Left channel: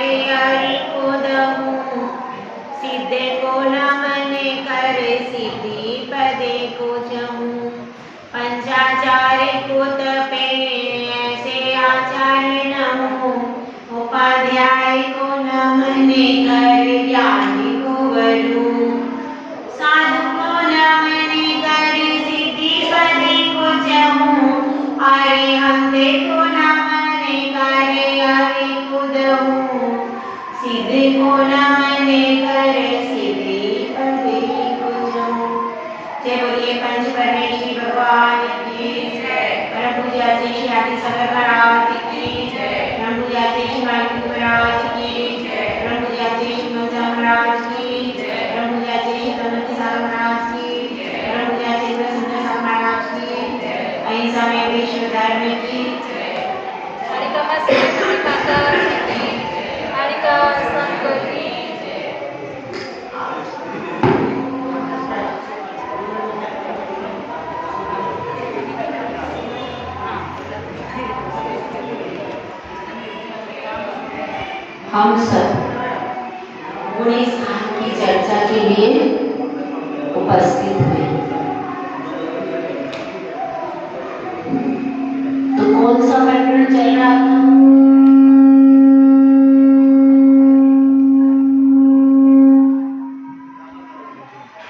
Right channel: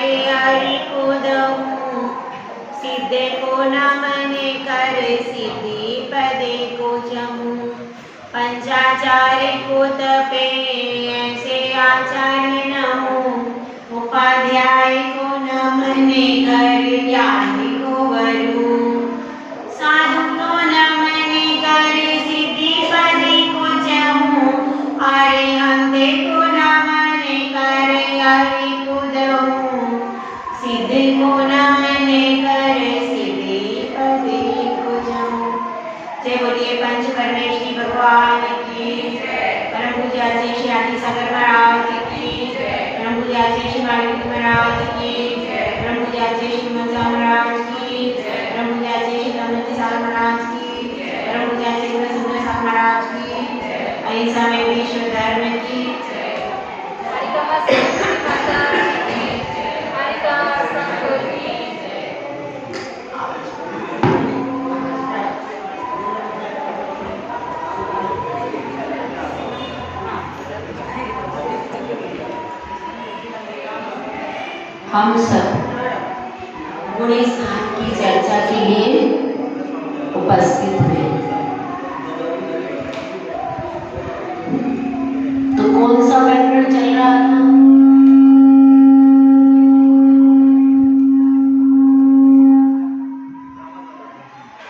करे हरि को दहूँ, सिद्धे को न मने करे सिद्धि पदे को जमूँ। पंचाचार्य को तपे ऐसे आचार्य न हूँ, उपाध्याय को न मने करे ज्ञानी को वरूँ। साधु को न मने करे सिद्धि पदे को जमूँ, अरिहंते को न मने करे हरि को दहूँ, सिद्धि को न मने करे सिद्धि पदे को जमूँ। जय बोलिए पंच परमेश्वरी भगवान की जय। परम पूज्य श्री श्री आदि सागर महाराज की जय। परम पूज्य श्री श्री माणिक महाराज की जय। परम पूज्य श्री श्री मनसा महाराज की जय। परम पूज्य श्री श्री दमयंती सागर महाराज की जय। परम पूज्य श्री गुरु सुंदर सागर महाराज की जय। अहिंसा में विश्व धर्म की जय। हम सब गुणे स्थान की चर्चा के लिए उपस्थित हुए। तो कौन सा प्रकरण चल रहा था?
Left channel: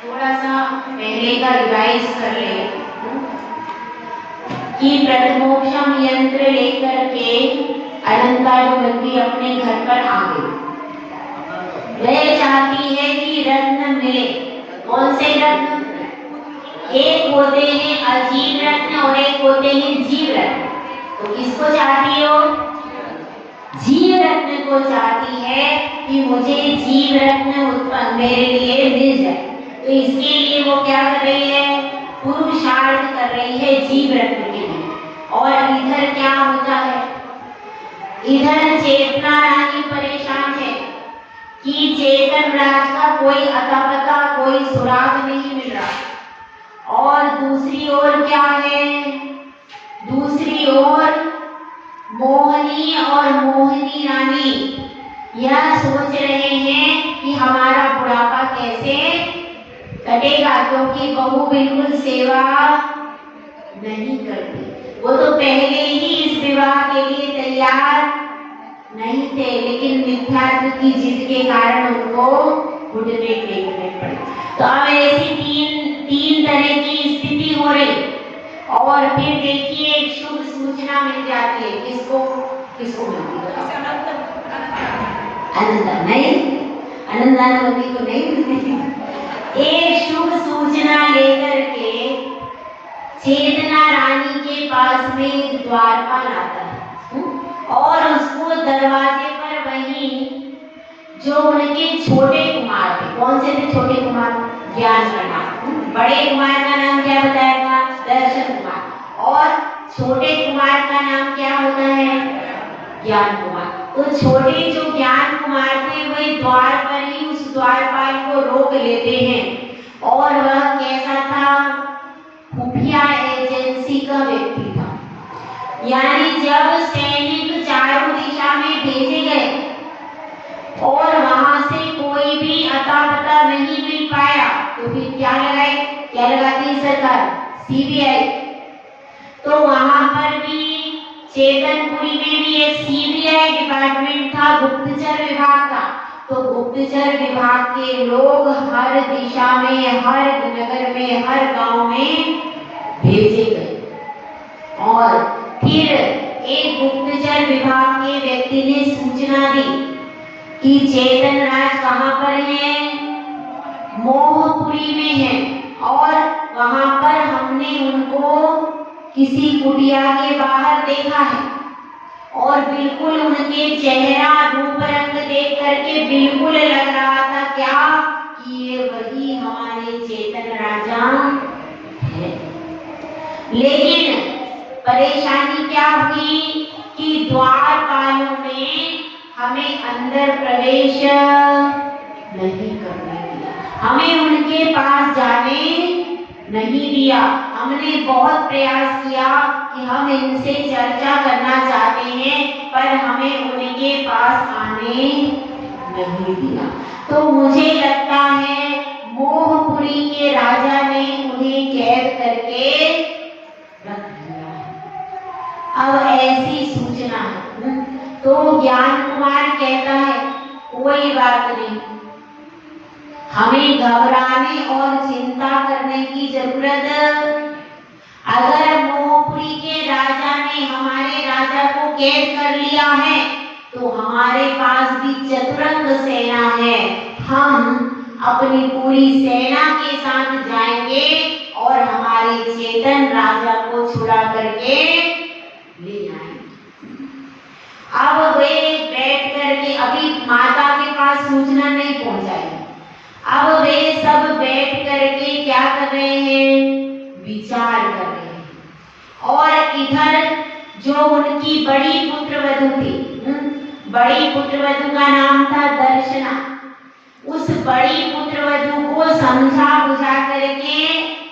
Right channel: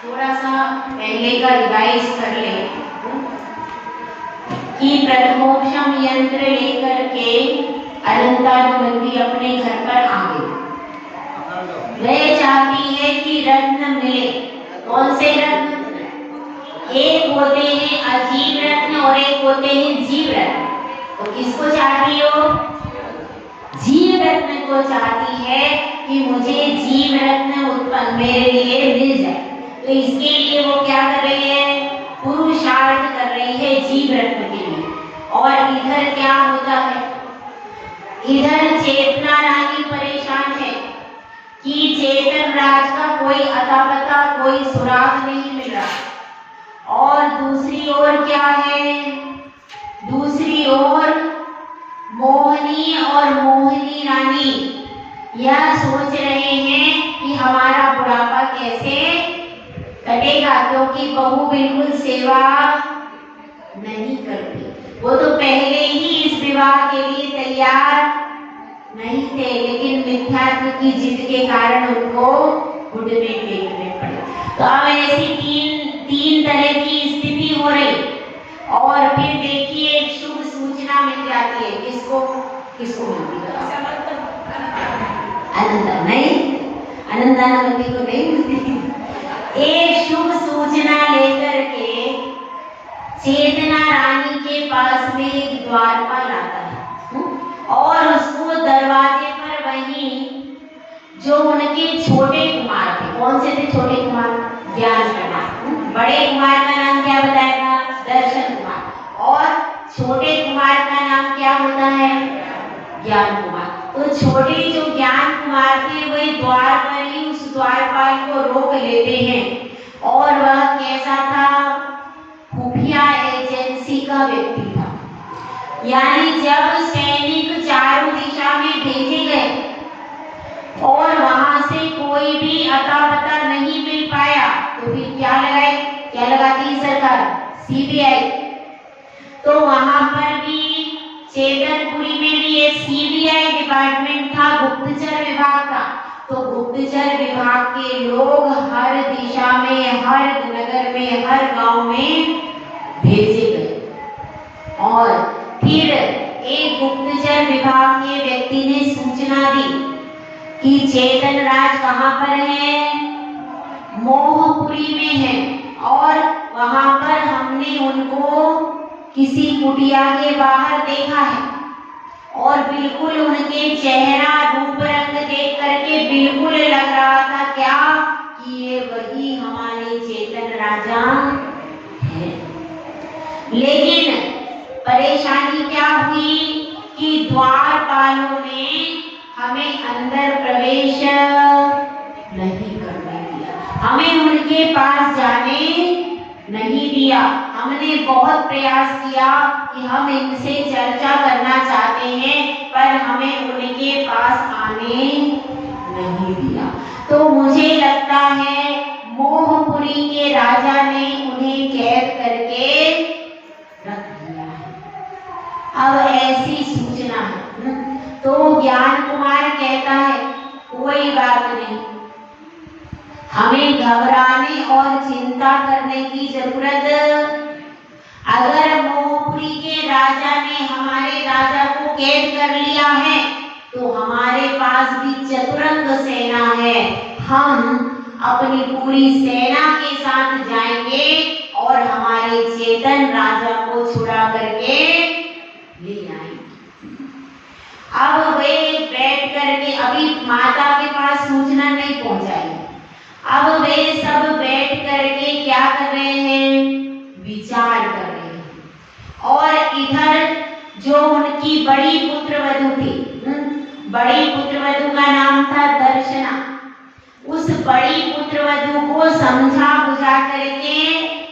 थोड़ा सा पहले का रिवाइज कर ले कि प्रथमोपशम यंत्र लेकर के अलंकारवती अपने घर पर आ गई। वह चाहती है कि रत्न मिले। कौन से रत्न? एक होते हैं अजीब रत्न और एक होते हैं जीव रत्न। तो किसको चाहती हो? जीव रत्न को चाहती है कि मुझे जीव रत्न उत्पन्न मेरे लिए मिल जाए। तो इसके लिए वो क्या कर रही है? पुरुषार्थ कर रही है जीव रत्न के लिए। और इधर क्या होता है? इधर चेतना रानी परेशान है कि चेतन राज का कोई अता पता, कोई सुराग नहीं मिल रहा। और दूसरी ओर क्या है? दूसरी ओर मोहनी और मोहिनी रानी यह सोच रहे हैं कि हमारा बुढ़ापा कैसे कटेगा, क्योंकि बहू बिल्कुल सेवा नहीं करती। वो तो पहले ही इस विवाह के लिए तैयार नहीं थे, लेकिन मिथ्यात्व की जिद के कारण उनको घुटने टेकने पड़े। तो अब ऐसी तीन तरह की स्थिति हो रही। और फिर देखिए एक शुभ सूचना मिल जाती है। किसको मिलती है? अनंता नहीं, अनंतानवती को नहीं मिलती। एक शुभ सूचना लेकर के चेतना रानी के पास में एक द्वारपाल आता है और उसको दरवाजे पर वही जो उनके छोटे कुमार थे। कौन से थे छोटे कुमार? ज्ञान का नाम। बड़े कुमार का नाम क्या बताया था? दर्शन कुमार। और छोटे कुमार का नाम क्या होता है? ज्ञान कुमार। तो छोटे जो ज्ञान कुमार थे वही द्वार पर ही उस द्वारपाल को रोक लेते हैं। और वह कैसा था? खुफिया एजेंसी का व्यक्ति था। यानी जब सैनिक चारों दिशा में भेजे गए और वहां से कोई भी अता पता नहीं मिल पाया, तो फिर क्या लगाती सरकार? सीबीआई। तो वहां पर भी चेतनपुरी में भी एक सीबीआई डिपार्टमेंट था, गुप्तचर विभाग था। तो गुप्तचर विभाग के लोग हर दिशा में, हर नगर में, हर गांव में भेजे गए। और फिर एक गुप्तचर विभाग के व्यक्ति ने सूचना दी कि चेतन राज कहाँ पर है? मोहपुरी में है। और वहां पर हमने उनको किसी कुटिया के बाहर देखा है। और बिल्कुल उनके चेहरा रूप रंग देख करके बिल्कुल लग रहा था क्या कि ये वही हमारे चेतन राजा है। लेकिन परेशानी क्या हुई कि द्वारपालों ने हमें अंदर प्रवेश नहीं करने दिया, हमें उनके पास जाने नहीं दिया। हमने बहुत प्रयास किया कि हम इनसे चर्चा करना चाहते हैं, पर हमें उनके पास आने ने नहीं दिया। तो मुझे लगता है मोहपुरी के राजा ने उन्हें कैद करके रख दिया है। अब ऐसी सूचना है। तो ज्ञान कुमार कहता है कोई बात नहीं, हमें घबराने और चिंता करने की जरूरत, अगर मोहपुरी के राजा ने हमारे राजा को कैद कर लिया है तो हमारे पास भी चतुरंग सेना है। हम अपनी पूरी सेना के साथ जाएंगे और हमारे चेतन राजा को छुड़ा करके ले आएंगे। अब वे बैठ करके, अभी माता के पास सूचना नहीं पहुंचाई, अब वे सब बैठ करके क्या कर रहे हैं, विचार कर रहे हैं। और इधर जो उनकी बड़ी पुत्रवधू थी, बड़ी पुत्रवधू का नाम था दर्शना, उस बड़ी पुत्रवधू को समझा बुझा करके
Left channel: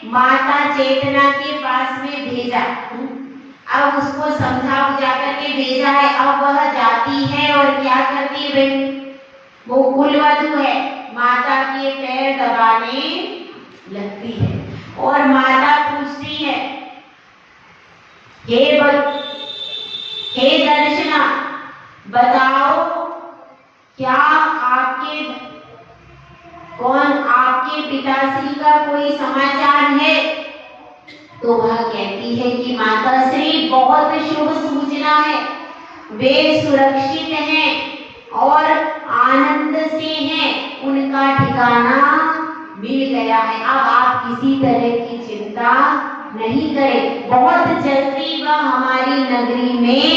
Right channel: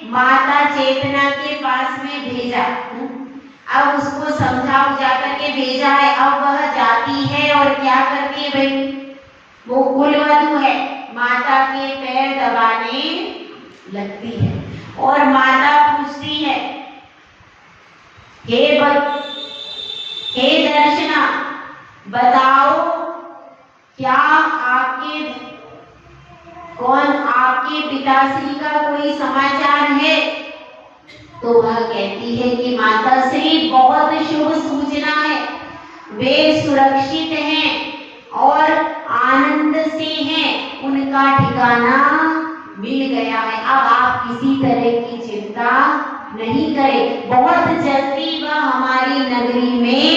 माता चेतना के पास में भेजा। अब उसको समझा बुझा करके भेजा है। अब वह जाती है और क्या करती है भाई, वो कुलवधू है, माता के पैर दबाने लगती है और माता पूछती है, हे दर्शना, बताओ क्या आपके पिताश्री का कोई समाचार है? तो वह कहती है कि माताश्री बहुत शुभ सूचना है, वे सुरक्षित हैं और आनंद से हैं, उनका ठिकाना मिल गया है। अब आप किसी तरह की चिंता नहीं करें, बहुत जल्दी वह हमारी नगरी में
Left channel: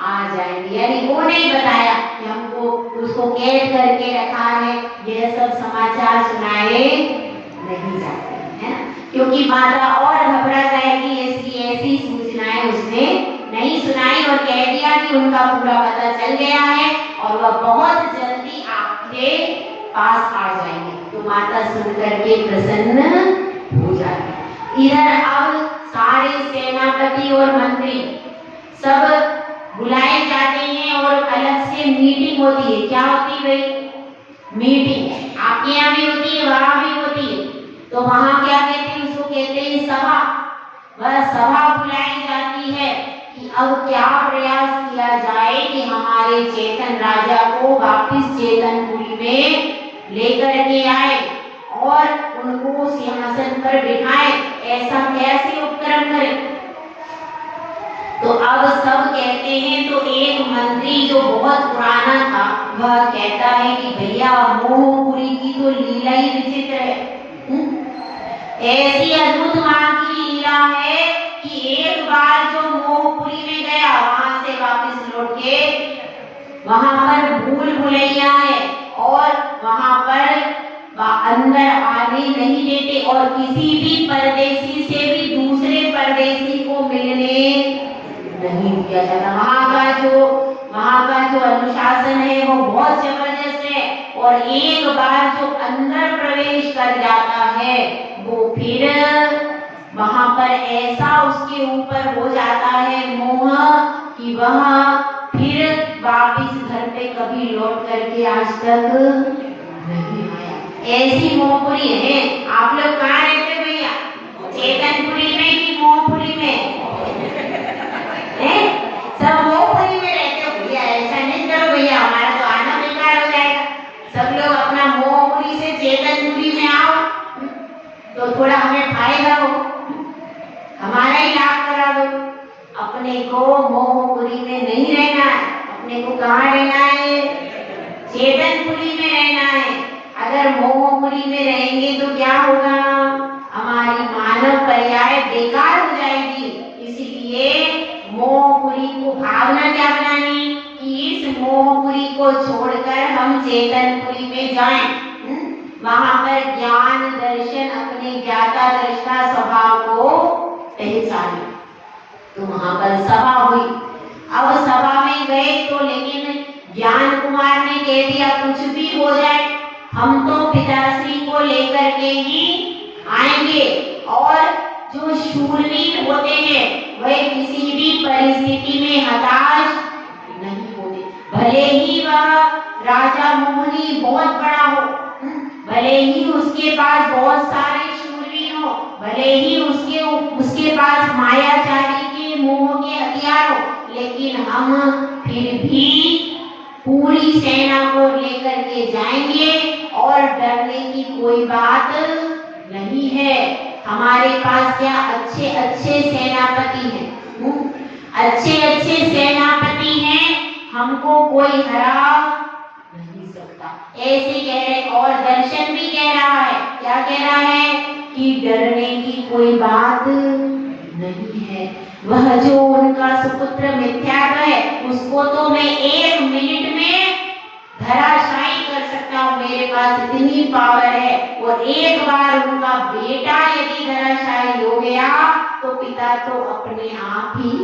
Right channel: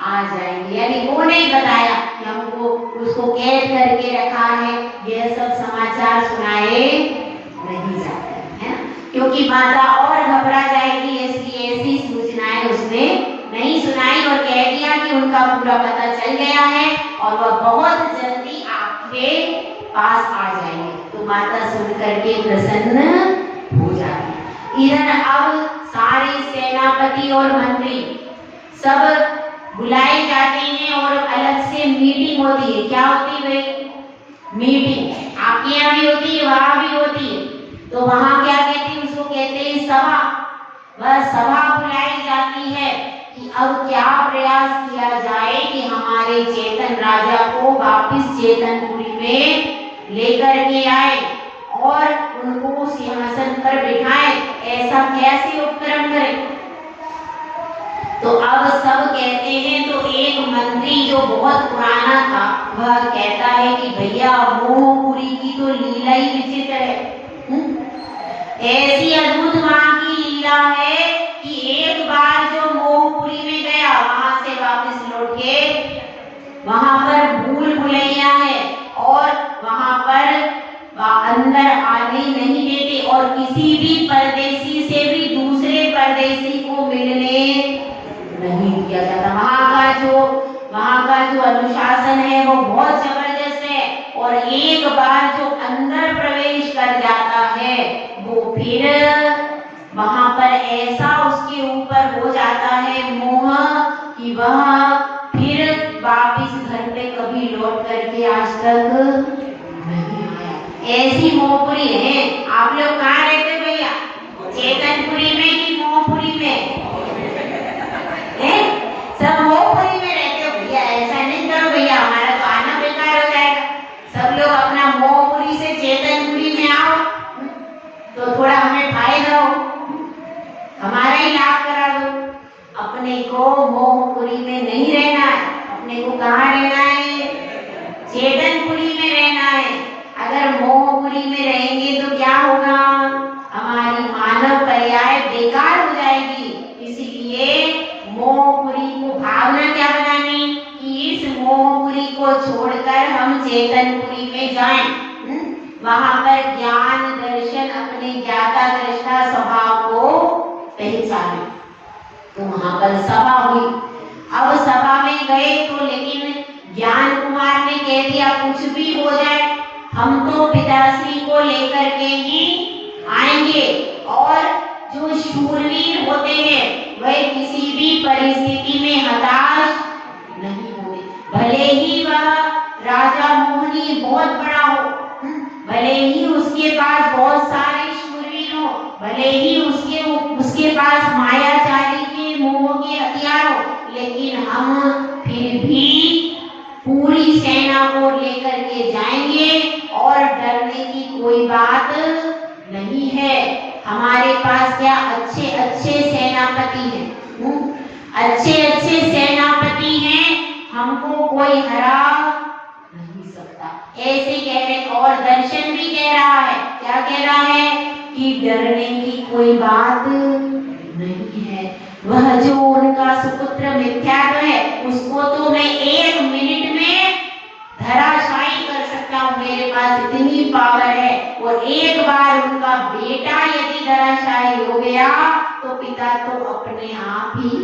आ जाएंगे। यानी वो नहीं बताया कि हमको उसको कैद करके रखा है, यह सब समाचार सुनाए नहीं जाते हैं, क्योंकि माता और घबरा जाएगी, इसलिए ऐसी सूचनाएं उसने नहीं सुनाई और कह दिया कि उनका पूरा पता चल गया है और वह बहुत जल्दी आपके पास आ जाएंगे। तो माता सुन करके प्रसन्न हो जाती। इधर अब सारे सेनापति और मंत्री सब बुलाए जाते हैं और अलग से मीटिंग होती है। क्या होती है भाई? मीटिंग। आपके यहाँ भी होती है, वहां भी होती है। तो वहां क्या कहते हैं, उसको कहते हैं सभा। वह सभा बुलाई जाती है कि अब क्या प्रयास किया जाए कि हमारे चेतन राजा को वापिस चेतनपुरी में लेकर के आए और उनको सिंहासन पर बिठाए, ऐसा कैसे उपक्रम करें। तो अब सब कहते हैं, तो एक मंत्री जो बहुत पुराना था वह कहता है कि भैया मोहपुरी की तो लीला ही विचित्र है। ऐसी अद्भुत वहां की लीला है कि एक बार जो मोहपुरी में गया वहां से वापस लौट के वहां पर भूल भुलैया है और वहां पर अंदर आने नहीं देते और किसी भी परदेशी से भी दूसरे परदेशी को मिलने नहीं दिया जाता। वहां का जो अनुशासन है वो बहुत जबरदस्त है और एक बार जो अंदर प्रवेश कर जाता है वो फिर वहां पर ऐसा उसके ऊपर हो जाता है मोह कि वह फिर वापिस घर पे कभी लौट करके आज तक नहीं आया। ऐसी मोहपुरी है। आप लोग कहाँ रहते भैया? चेतनपुरी में कि मोहपुरी में? सब मोहपुरी में रहते हो भैया, ऐसा नहीं करो भैया, हमारा तो आना बेकार हो जाएगा। सब लोग अपना मोहपुरी से चेतनपुरी में आओ तो थोड़ा हमें फायदा हो, हमारा ही लाभ करा दो। अपने को मोहपुरी में नहीं रहना है, अपने को कहाँ रहना है? चेतनपुरी में रहना है। अगर मोहपुरी में रहेंगे तो क्या होगा? हमारी मानव पर्याय बेकार हो जाएगी। इसीलिए मोहपुरी को भावना क्या बनानी कि इस मोहपुरी को छोड़कर हम चेतनपुरी में जाएं, वहां पर ज्ञान दर्शन अपने ज्ञाता दृष्टा स्वभाव को पहचाने। तो वहां पर सभा हुई। अब सभा में गए तो लेकिन ज्ञान कुमार ने कह दिया कुछ भी हो जाए हम तो पिताश्री को लेकर के ही आएंगे और जो शूरवीर होते हैं वह किसी भी परिस्थिति में हताश नहीं होते, भले ही वह राजा मोहनी बहुत बड़ा हो, भले ही उसके पास बहुत सारे शूरवीर हो, भले ही उसके पास मायाचारी के मोह के हथियार हो, लेकिन हम फिर भी पूरी सेना को लेकर के जाएंगे और डरने की कोई बात नहीं है। हमारे पास क्या अच्छे अच्छे सेनापति हैं, अच्छे अच्छे सेनापति हैं, हमको कोई हरा नहीं सकता। ऐसे कह रहे, और दर्शन भी कह रहा है, क्या कह रहा है कि डरने की कोई बात नहीं है। वह जो उनका सुपुत्र मिथ्यात्व है, उसको तो मैं 1 मिनट में धराशायी कर सकता हूँ, मेरे पास इतनी पावर है। और एक बार उनका बेटा यदि धराशायी हो गया तो पिता तो अपने आप ही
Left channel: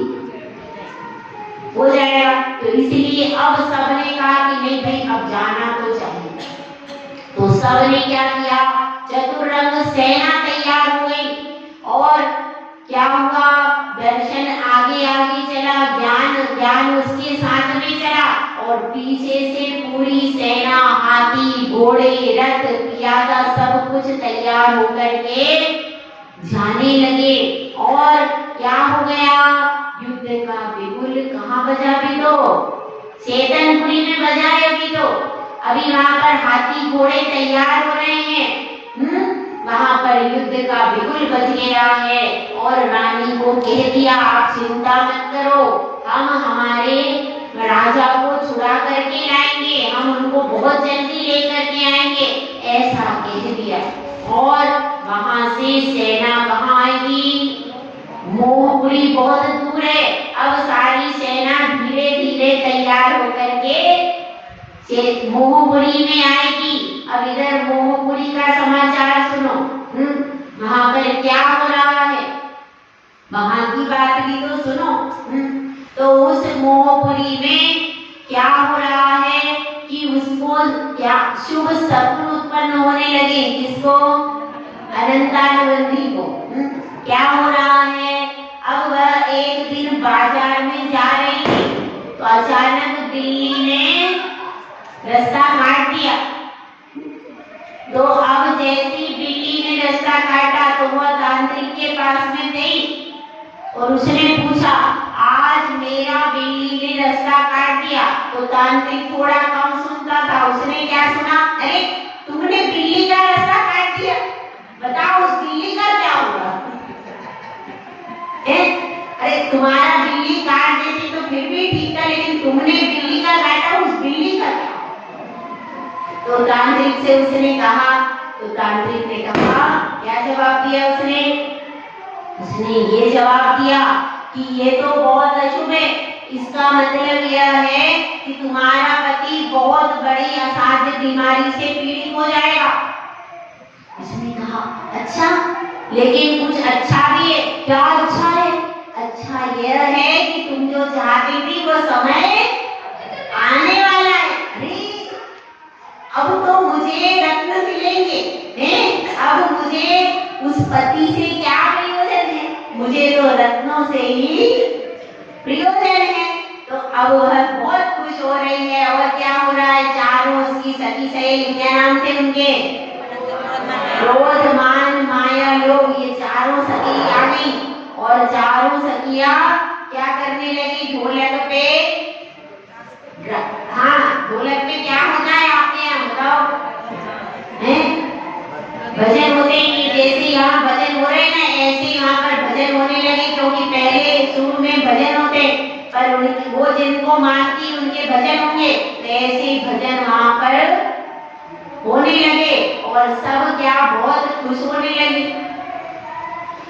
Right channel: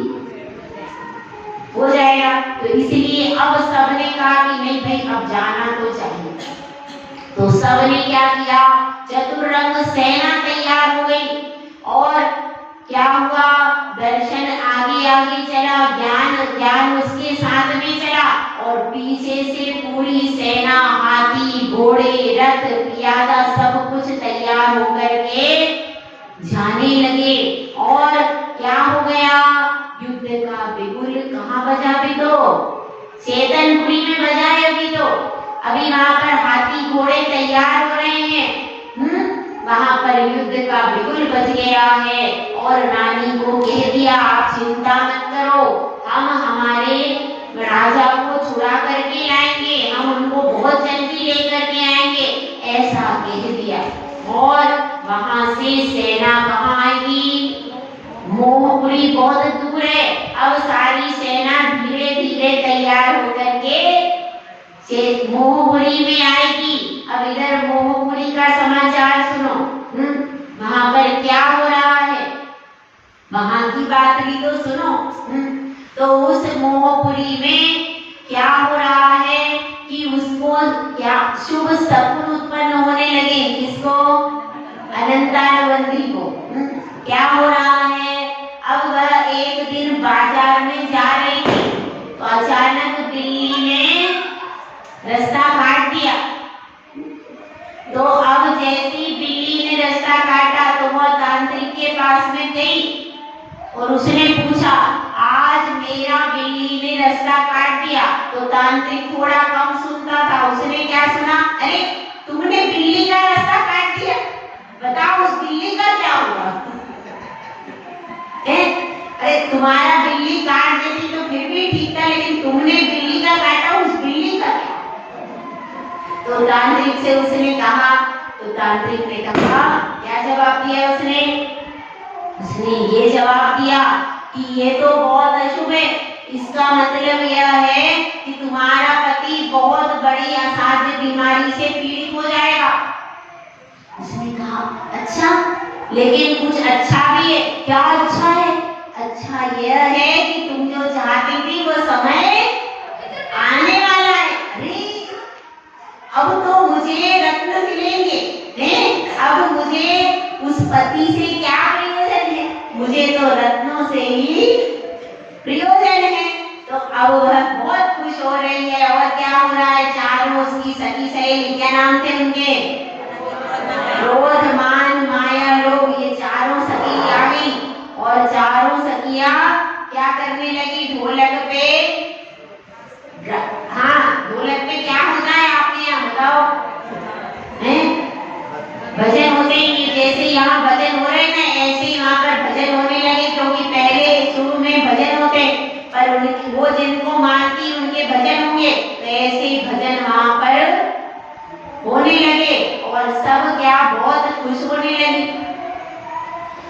हो जाएगा। तो इसलिए अब सबने कहा कि नहीं भाई अब जाना तो चाहिए। तो सबने क्या किया, चतुरंग सेना तैयार हो गई और क्या हुआ, दर्शन आगे आगे चला, ज्ञान उसके साथ में चला और पीछे से पूरी सेना, हाथी घोड़े रथ प्यादा सब कुछ तैयार होकर के जाने लगे। और क्या हो गया, युद्ध का बिगुल कहाँ बजा भी तो चेतनपुरी में बजा है। अभी वहां पर हाथी घोड़े तैयार हो रहे हैं, वहां पर युद्ध का बिगुल बज गया है और रानी को कह दिया आप चिंता मत करो, हम हमारे राजा को छुड़ा करके लाएंगे, हम उनको बहुत जल्दी लेकर के आएंगे, ऐसा कह दिया। और वहां से सेना कहाँ आएगी, मोहपुरी बहुत दूर है। अब सारी सेना धीरे धीरे तैयार होकर के मोहपुरी में आएगी। अब इधर मोहपुरी का समाचार सुनो, वहां पर क्या हो रहा है, वहां की बात भी तो सुनो। तो उस मोहपुरी में क्या हो रहा है कि उसको क्या शुभ सपन उत्पन्न होने लगे, किसको, अनंतानवंदी को। क्या हो रहा है, अब वह एक दिन बाजार में जा रही थी तो अचानक बिल्ली ने रास्ता काट दिया। तो अब जैसी बिल्ली ने रास्ता काटा तो वह तांत्रिक के पास में गई और उसने पूछा आज मेरा बिल्ली ने रास्ता काट दिया। तो तांत्रिक थोड़ा कम सुनता था, उसने क्या सुना, अरे तुमने बिल्ली का रास्ता काट दिया, बताओ उस बिल्ली का क्या होगा। अरे तुम्हारा बिल्ली काट देती तो फिर भी ठीक था, लेकिन तुमने बिल्ली का काटा, उस बिल्ली का क्या। तो तांत्रिक से उसने कहा, तो तांत्रिक ने कहा, क्या जवाब दिया उसने ये जवाब दिया कि ये तो बहुत अशुभ है, इसका मतलब यह है कि तुम्हारा पति बहुत बड़ी असाध्य बीमारी से पीड़ित हो जाएगा। उसने कहा अच्छा, लेकिन कुछ अच्छा भी है। क्या अच्छा है, अच्छा यह है कि तुम जो चाहती थी वो समय आने वाला है। अरे अब तो मुझे रत्न मिलेंगे, अब मुझे उस पति से क्या प्रयोजन है, मुझे तो रत्नों से ही प्रयोजन है। तो अब वह बहुत खुश हो रही है। और क्या हो रहा है, चारों उसकी सखी सहेली, क्या नाम थे उनके, क्रोध मान माया लोग, ये चारों सखी आ गई और चारों सखियां क्या करने लगी, ढोलक पे, हाँ ढोलक पे क्या होता है आपके यहाँ बताओ, भजन होते ही, जैसे यहाँ भजन हो रहे ना ऐसे ही वहाँ पर भजन होने लगे, क्योंकि पहले शुरू में भजन होते पर उनकी वो जिनको मानती उनके भजन होंगे, तो ऐसे ही भजन वहाँ पर होने लगे और सब क्या बहुत खुश होने लगी।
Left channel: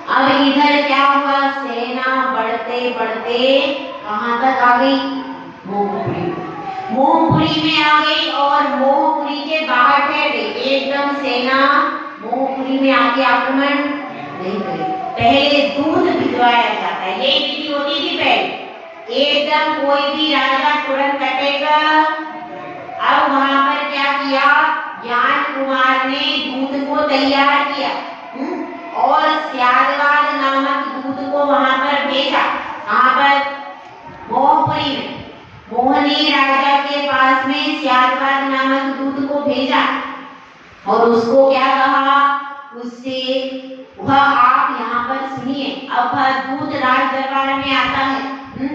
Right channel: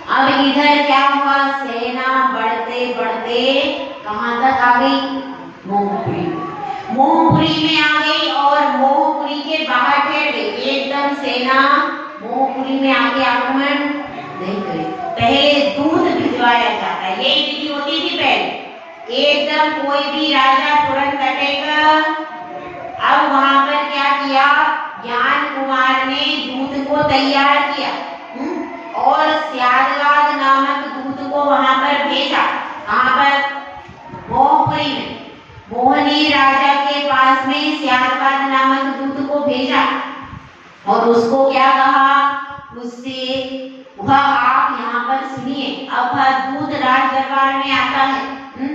अब इधर क्या हुआ, सेना बढ़ते बढ़ते कहाँ तक आ गई, मोहपुरी में आ गई और मोहपुरी के बाहर ठहर गई। एकदम सेना मोहपुरी में आके आक्रमण नहीं करी, पहले दूध भिजवाया जाता है, यही विधि होती थी पहले। एकदम कोई भी राजा तुरंत कटेगा। अब वहां पर क्या किया, ज्ञान कुमार ने दूध को तैयार किया और स्यादवाद नामक दूध को वहां पर भेजा। कहां पर, मोहपुरी में। मोहनी राजा के पास पास में स्यादवाद नामक दूत को भेजा और उसको क्या कहा, उससे वह आप यहाँ पर सुनिए। अब दूत राज दरबार में आता है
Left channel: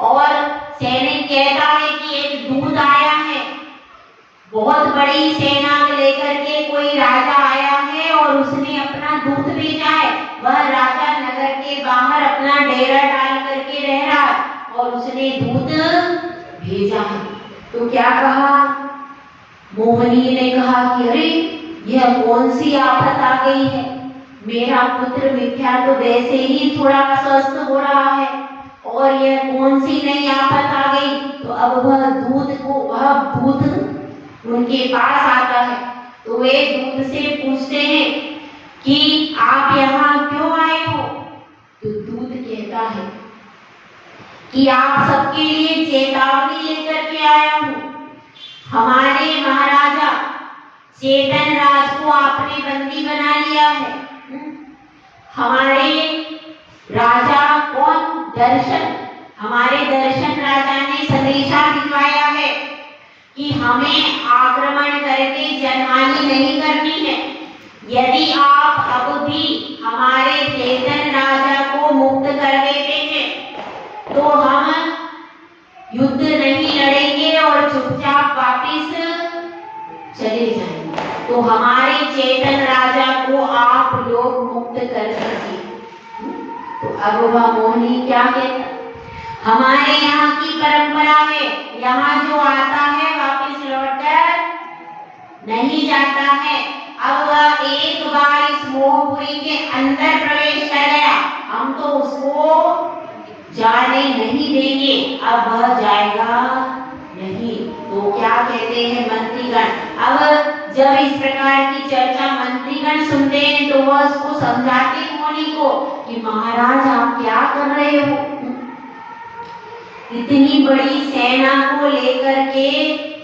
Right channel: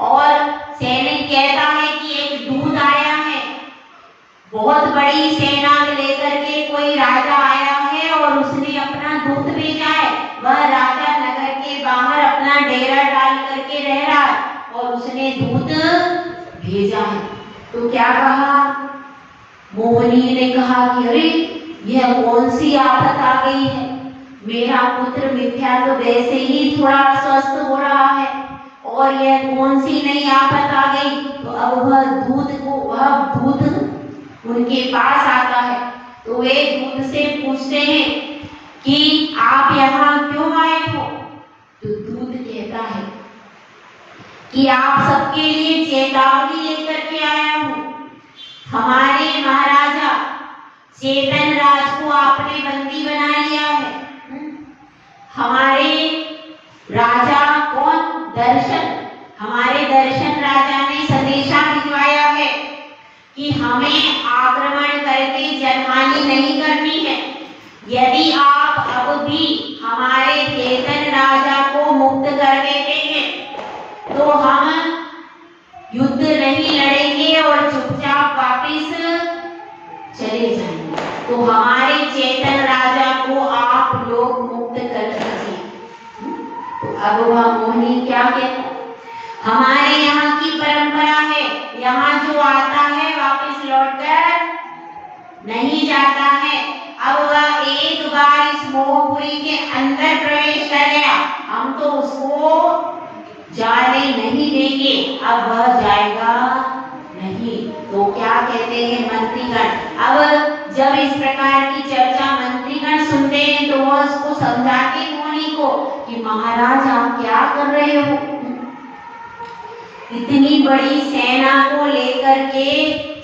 और सैनिक कहता है कि एक दूत आया है, बहुत बड़ी सेना लेकर के कोई राजा आया है और उसने अपना दूत भेजा है। वह राजा नगर के बाहर अपना डेरा डाल करके रह रहा है और उसने दूत भेजा है। तो क्या कहा, मोहिनी ने कहा कि अरे यह कौन सी आफत आ गई है, मेरा पुत्र मिथ्या तो वैसे ही थोड़ा अस्वस्थ हो रहा है और यह कौन सी नई आफत आ गई। तो अब वह दूत उनके पास आता है तो वे दूत से पूछते हैं कि आप यहाँ क्यों आए हो। तो दूत कहता है कि आप सबके लिए चेतावनी लेकर के आया हूँ। हमारे महाराजा चेतन राज को आपने बंदी बना लिया है। हमारे राजा कौन, दर्शन, हमारे दर्शन राजा ने संदेशा भिजवाया है कि हमें आक्रमण करके जनहानि नहीं करनी है। यदि आप अब भी हमारे चेतन राजा को मुक्त कर देते हैं तो हम युद्ध नहीं लड़ेंगे और चुपचाप वापिस चले जाएंगे। तो हमारे चेतन राजा को आप लोग मुक्त कर दीजिए। तो अब वह मोहिनी क्या कहता, हमारे यहाँ की परंपरा है, यहाँ जो आता है वापिस लौटकर नहीं जाता है। अब वह एक बार इस मोहपुरी के अंदर प्रवेश कर गया, हम तो उसको जाने नहीं देंगे, अब वह जाएगा नहीं। तो क्या कहते हैं मंत्रीगण, अब जब इस प्रकार की चर्चा मंत्रीगण सुनते हैं तो वह उसको समझाते मोहिनी को कि महाराज आप क्या कर रहे हो, इतनी बड़ी सेना को लेकर के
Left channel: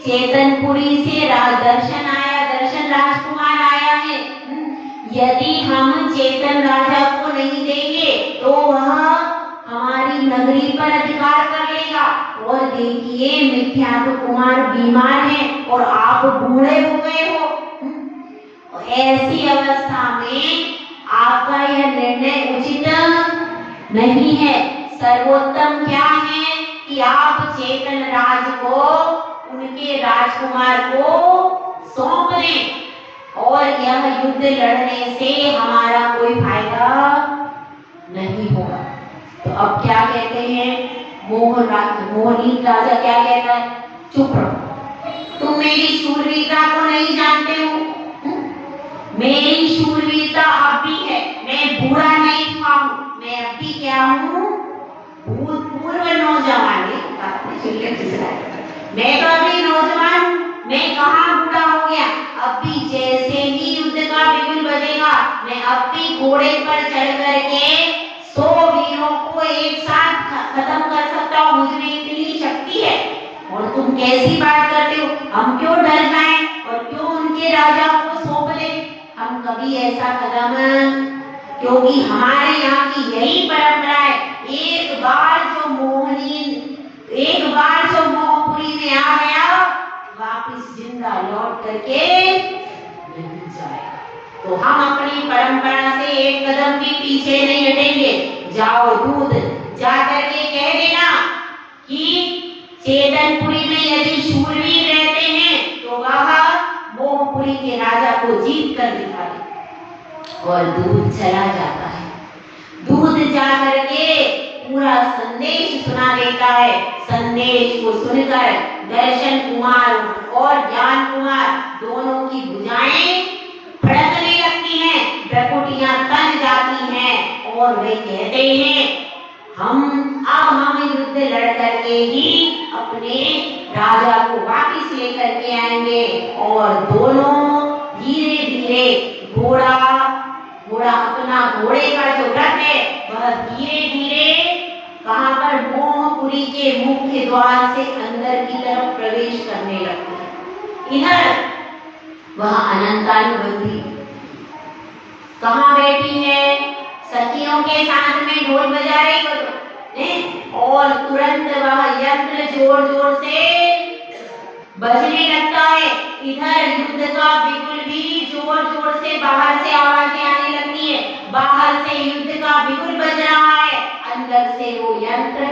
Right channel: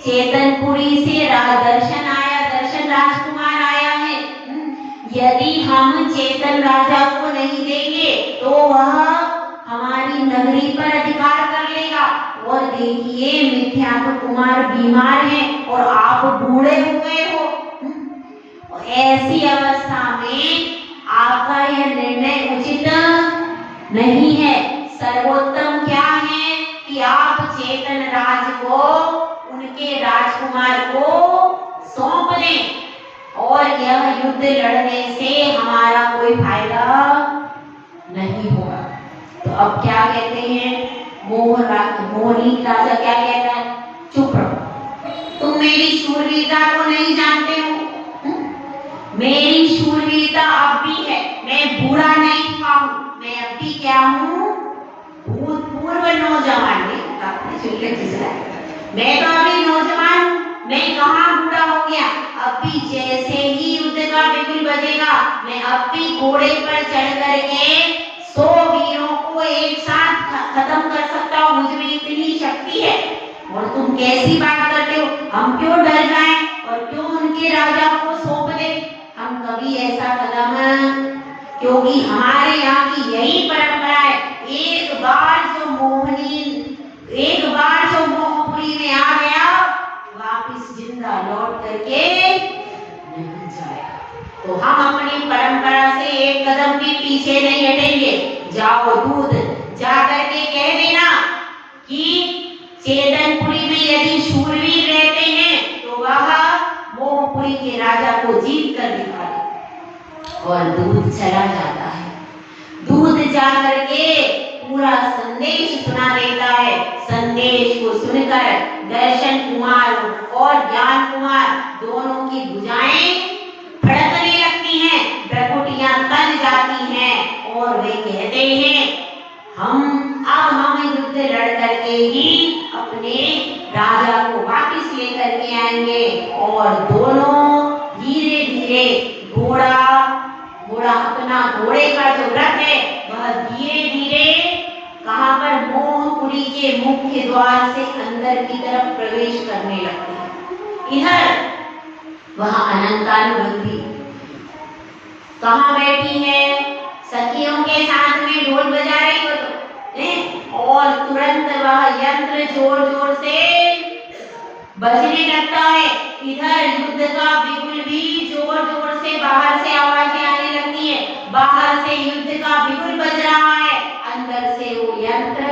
चेतनपुरी से दर्शन आया, दर्शन राजकुमार आया है। यदि हम चेतन राजा को नहीं देंगे तो वह हमारी नगरी पर अधिकार कर लेगा। और देखिए मिथ्यात्व कुमार बीमार हैं और आप बूढ़े हो गए हो। ऐसी अवस्था में आपका यह निर्णय उचित नहीं है। सर्वोत्तम क्या है कि आप चेतन राज को उनके राजकुमार को सौंप दें और यह युद्ध लड़ने से हमारा कोई फायदा नहीं होगा। तो अब क्या कहते हैं, मोहिनी राजा क्या कहता है, चुप रहो, तुम मेरी शूरवीरता को नहीं जानते हो। मेरी शूरवीरता अब भी है, मैं बूढ़ा नहीं हुआ हूँ, मैं अब भी क्या हूँ, भूतपूर्व नौजवान। मैं तो अभी नौजवान हूँ, मैं कहाँ बूढ़ा हो गया। अब भी जैसे ही युद्ध का बिगुल बजेगा मैं अब भी घोड़े पर चढ़ करके 100 वीरों को एक साथ खत्म कर सकता हूँ, मुझ में इतनी शक्ति है। और तुम कैसी बात करते हो, हम क्यों डर जाएं और क्यों उनके राजा को सौंप दें, हम कभी ऐसा कदम, क्योंकि हमारे यहाँ की यही परंपरा है। एक बार जो मोहपुरी में आ गया वापिस जिंदा लौट करके नहीं जाएगा। तो हम अपनी परंपरा से एक कदम भी पीछे नहीं हटेंगे। जाओ दूत, जा करके कह देना कि चेतनपुरी में यदि शूरवीर रहते हैं तो वह मोहपुरी के राजा को जीत कर दिखाए। और दूत चला जाता है। दूत जा करके पूरा संदेश सुना देता है। संदेश को सुनकर दर्शन कुमार और ज्ञान कुमार दोनों की भुजाएं फड़कने लगती हैं, भ्रुकुटियां तन जाती हैं और वे कहते हैं हम युद्ध लड़ करके ही अपने राजा को वापस लेकर के आएंगे। और दोनों धीरे धीरे घोड़ा अपना घोड़े का जो रथ है वह धीरे धीरे कहां पर, मोहपुरी के मुख्य द्वार से अंदर की तरफ प्रवेश करने लगते हैं। इधर वह अनंतानुबंधी कहां बैठी है, सखियों के साथ में ढोल बजा रही हो और तुरंत वह यंत्र जोर जोर से बजने लगता है। इधर युद्ध का बिगुल भी जोर जोर से बाहर से आवाजें आने लगती है। बाहर से युद्ध का बिगुल बज रहा है, अंदर से वो यंत्र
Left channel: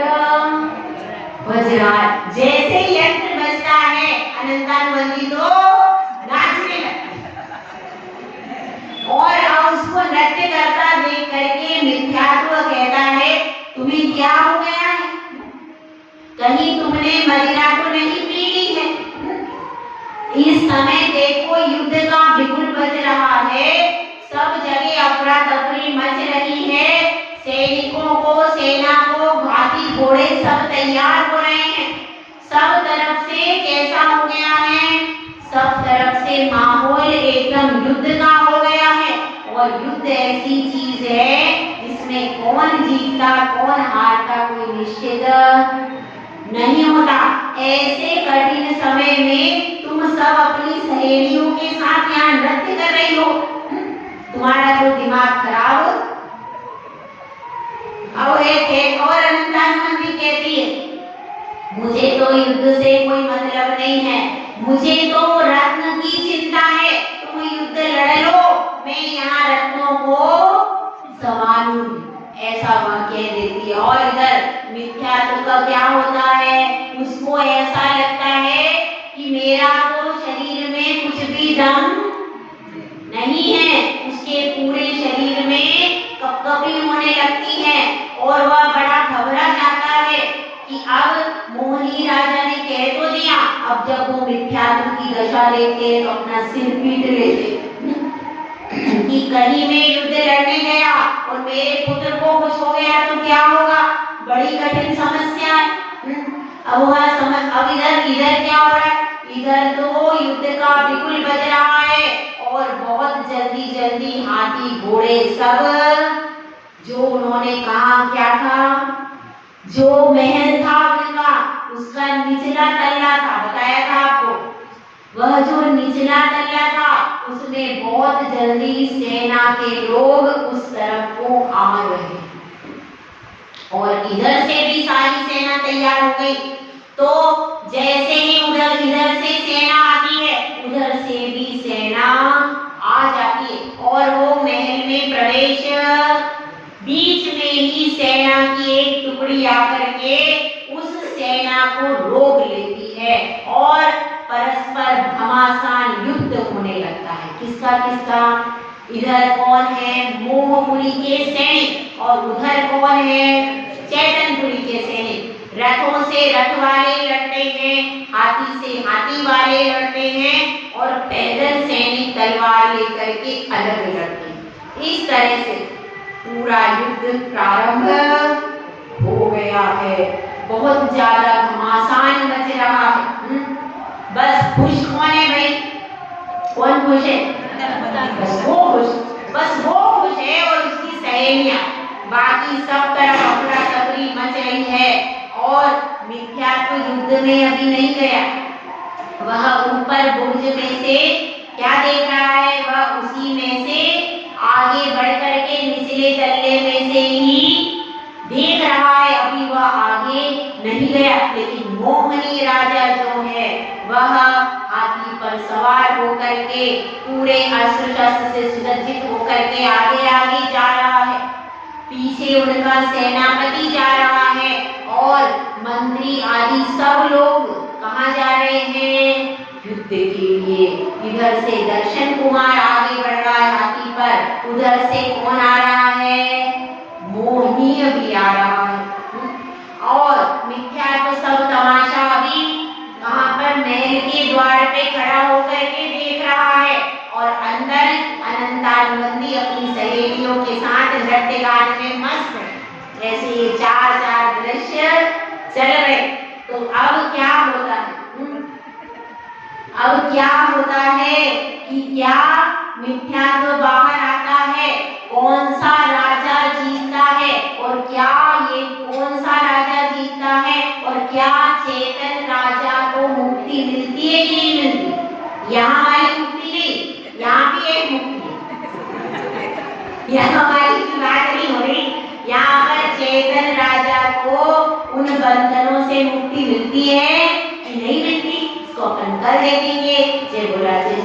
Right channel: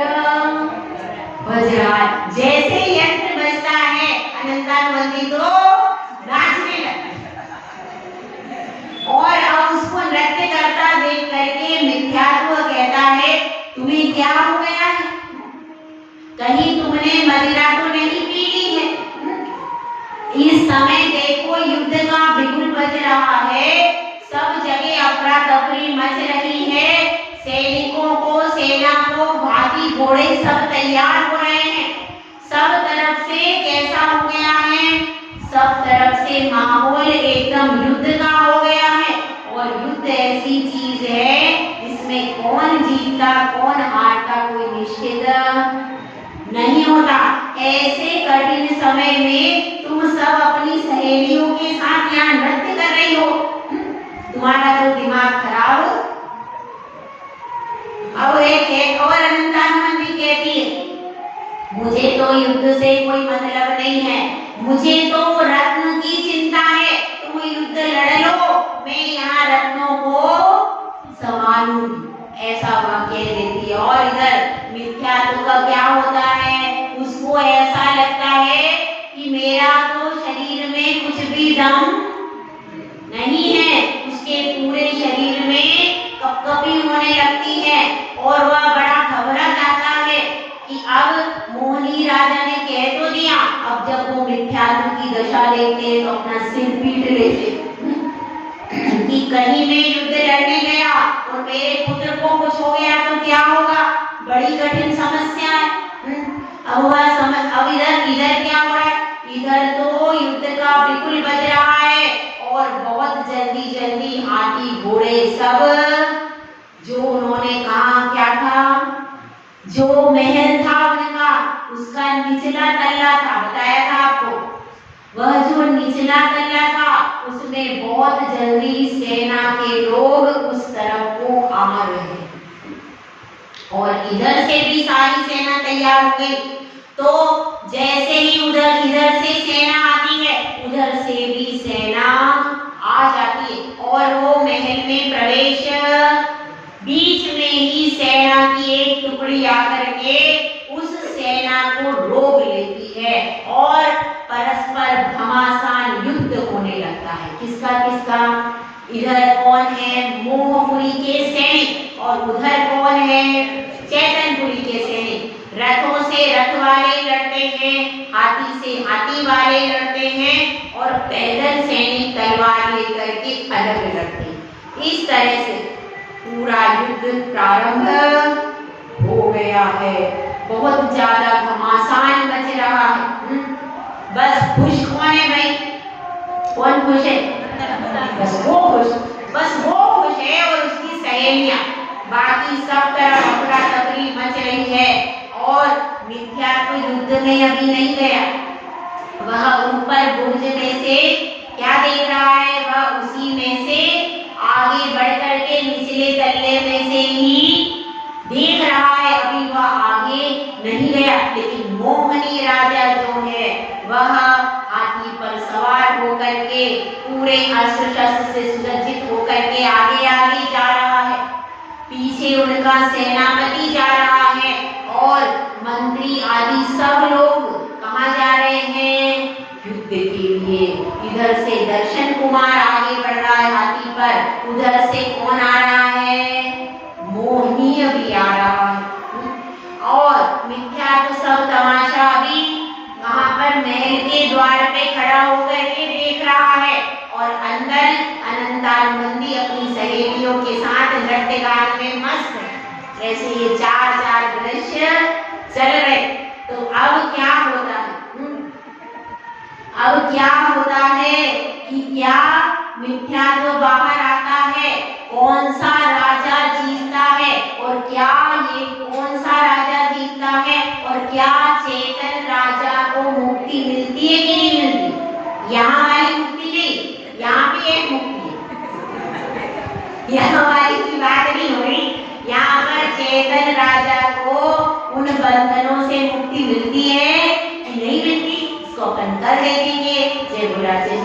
बज रहा है। जैसे यंत्र बजता है अनंतानुबंधी तो नाचने लगता है और अब उसको नृत्य करता देख करके मिथ्यात्व कहता है तुम्हें क्या हो गया है, कहीं तुमने मदिरा तो नहीं पी ली है। इस समय देखो युद्ध का बिगुल बज रहा है, सब जगह अफरा तफरी मच रही है, सैनिकों को सेना को भाती घोड़े सब तैयार हो रहे हैं। सब तरफ से कैसा हो गया है, सब तरफ से माहौल एकदम युद्ध का हो गया है। और युद्ध ऐसी चीज है जिसमें कौन जीतता कौन हारता कोई निश्चित नहीं होता। ऐसे कठिन समय में तुम सब अपनी सहेलियों के साथ यहाँ नृत्य कर रही हो, तुम्हारा जो दिमाग खराब हो। अब एक और अनंतानुबंधी कहती है मुझे तो युद्ध से कोई मतलब नहीं है, मुझे तो रत्न की चिंता है, तुम युद्ध लड़ लो, मैं यहाँ रत्नों को संभालूंगी। ऐसा वह कह देती है। और इधर मिथ्यात्व का क्या होता है, उसको ऐसा लगता है कि मेरा तो शरीर में कुछ भी दम नहीं है, उसके पूरे शरीर में कपकपी होने लगती है और वह बड़ा घबरा जाता है कि अब मोहिनी राजा ने कह तो दिया, अब जब वो मिथ्यात्व की दशा देखते तो अपना सिर पीट लेते कि कहीं मैं युद्ध लड़ने गया और मेरे पुत्र को कुछ हो गया तो क्या होगा, बड़ी कठिन समस्या है। अब वह समझ, अब इधर क्या हो रहा है, इधर तो युद्ध का बिगुल बज रहा है और बहुत जल्दी जल्दी हाथी घोड़े सब जो उन्होंने कहा क्या था, जो महल था उनका उसका निचला तल्ला था, बताया था आपको, वह जो निचला तल्ला था उसमें बहुत जल्दी सेना के लोग उस तरफ को आ रहे और इधर से भी सारी सेना तैयार हो गई। तो जैसे ही उधर इधर से सेना आती है उधर से भी सेना आ जाती है और वो महल में प्रवेश, बीच में ही सेना की एक टुकड़ी आकर के उस सेना को रोक लेती है और परस्पर घमासान युद्ध होने लगता है। किसका किसका, इधर कौन है मोहपुरी के सैनिक और उधर कौन है चैतनपुरी के सैनिक। रथों से रथ वाले लड़ते हैं, हाथी से हाथी वाले लड़ते हैं और पैदल सैनिक तलवार लेकर के अलग लड़ते हैं। इस तरह से पूरा युद्ध प्रारंभ हो गया है। बहुत ज्यादा घमासान मच रहा है। बस खुश कौन है भाई, कौन खुश है, बस वो खुश है और उसकी सहेलियां, बाकी सब तरफ अफरा तफरी मच रही है। और मिथ्यात्व युद्ध में अभी नहीं गया, वह ऊपर बुर्ज में से क्या देख रहा है, वह उसी में से आगे बढ़ करके निचले तल्ले में से ही देख रहा है, अभी वह आगे नहीं गया। लेकिन मोहनी राजा जो है वह हाथी पर सवार होकर के पूरे अस्त्र शस्त्र से सुसज्जित होकर के आगे आगे जा रहा है, पीछे उनका सेनापति जा रहा है और मंत्री आदि सब लोग कहाँ जा रहे हैं, युद्ध के लिए। इधर से दर्शन कुमार आगे बढ़ रहा है हाथी पर, उधर से कौन आ रहा है, मोहिनी भी आ रहा है। और मिथ्या तो सब तमाशा अभी कहाँ पर, महल के द्वार पे खड़ा होकर के देख रहा है और अंदर अनंतानुबंधी अपनी सहेलियों के साथ नृत्य गान में मस्त है। ऐसे ये चार दृश्य चल रहे। तो अब क्या होता है, अब क्या होता है कि क्या मिथ्यात्व बाहर आता है, कौन सा राजा जीतता है और क्या ये कौन सा राजा जीतता है और क्या चेतन राजा को मुक्ति मिलती है कि नहीं मिलती। यहाँ वाली मुक्ति नहीं, यहाँ भी एक मुक्ति है, यहाँ वाली की बात नहीं हो रही। यहाँ पर चेतन राजा को उन बंधनों से मुक्ति मिलती है कि नहीं मिलती, इसको अपन बोला जय